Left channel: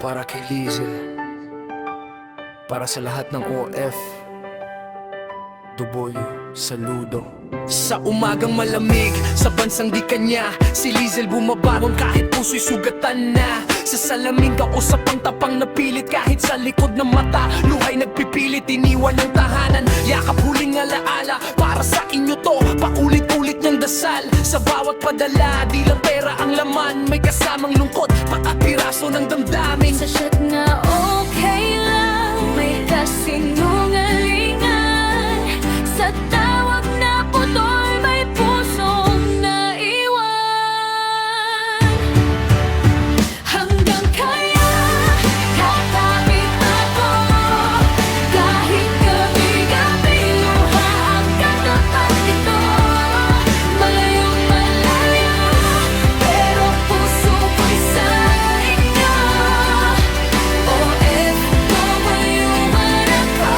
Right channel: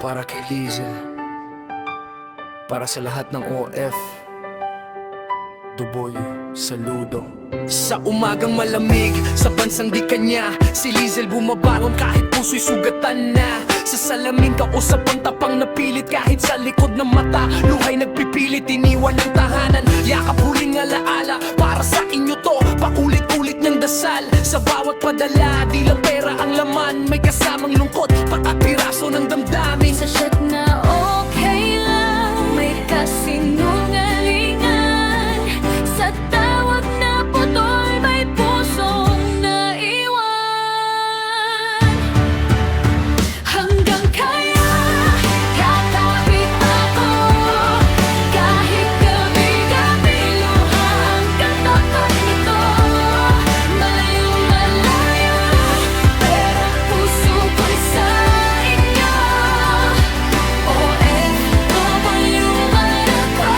Para kay Lizel, para sa lahat ng OF, Duboy, saludo. Sa umagang malamig, sa bansang di kanya, si Lizel bumabangon kahit puso'y sugatan na. Sa salamin kausap ang tapang napilit, kahit sa likod ng mata luhay nagpipilit, iniwan ng tahanan. Yakap huling alaala, para sa inyo to, paulit-ulit niyang dasal. Sa bawat padala, di lang pera ang laman, may kasamang lungkot, pagkapiraso ng damdamin. Sa shot na okay lang, may kasinungalingan. Sa tawag na putol, may pusong naiwan. Hanggang kaya, kakapit ako. Kahit gabi-gabi, luha ang katapat nito. Malayong malayo, pero puso ko'y sa inyo. OFW man ako,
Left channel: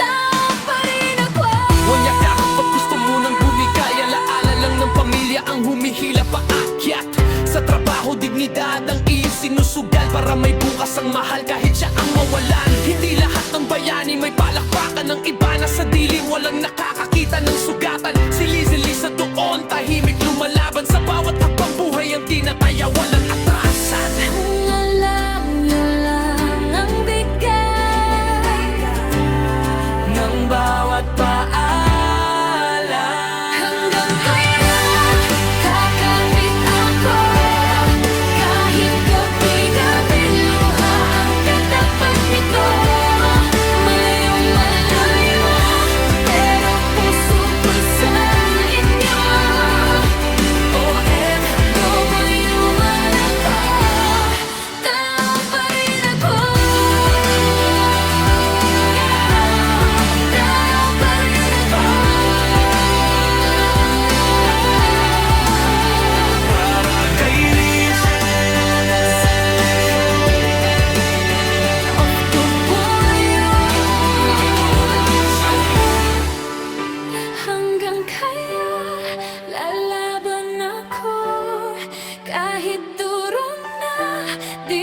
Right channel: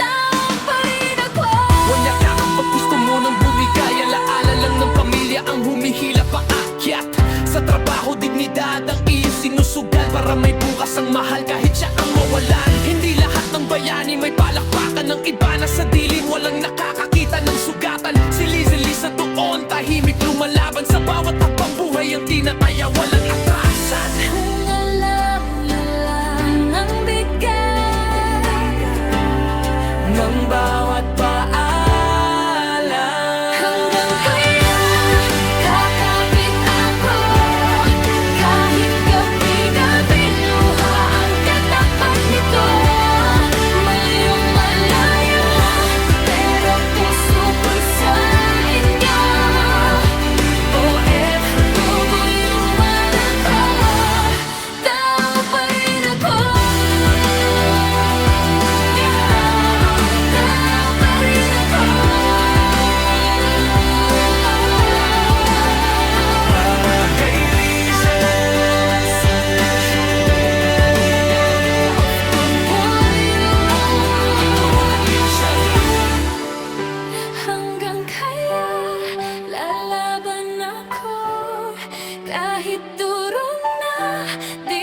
tao pa rin ako. Wanya ka kapag gusto mo nang bumigay, alaala lang ng pamilya ang humihila paakyat. Sa trabaho, dignidad ang iyong sinusugal, para may bukas ang mahal kahit siya ang mawalan. Hindi lahat ng bayani may palakpakan, ng iba na sa dilim walang nakakakita ng sugatan. Si Lizel isa doon, tahimik lumalaban, sa bawat habang buhay ang tinataya, walang atrasan. Kung alam niyo lang ang bigat Ng bawat paalam, hanggang kaya, kakapit ako. Kahit gabi-gabi, luha ang katapat nito. Malayong malayo, pero puso ko'y sa inyo. OFW man ako, tao pa rin ako. Tao pa rin ako. para kay Hanggang kaya, lalaban ako. Kahit durong na, di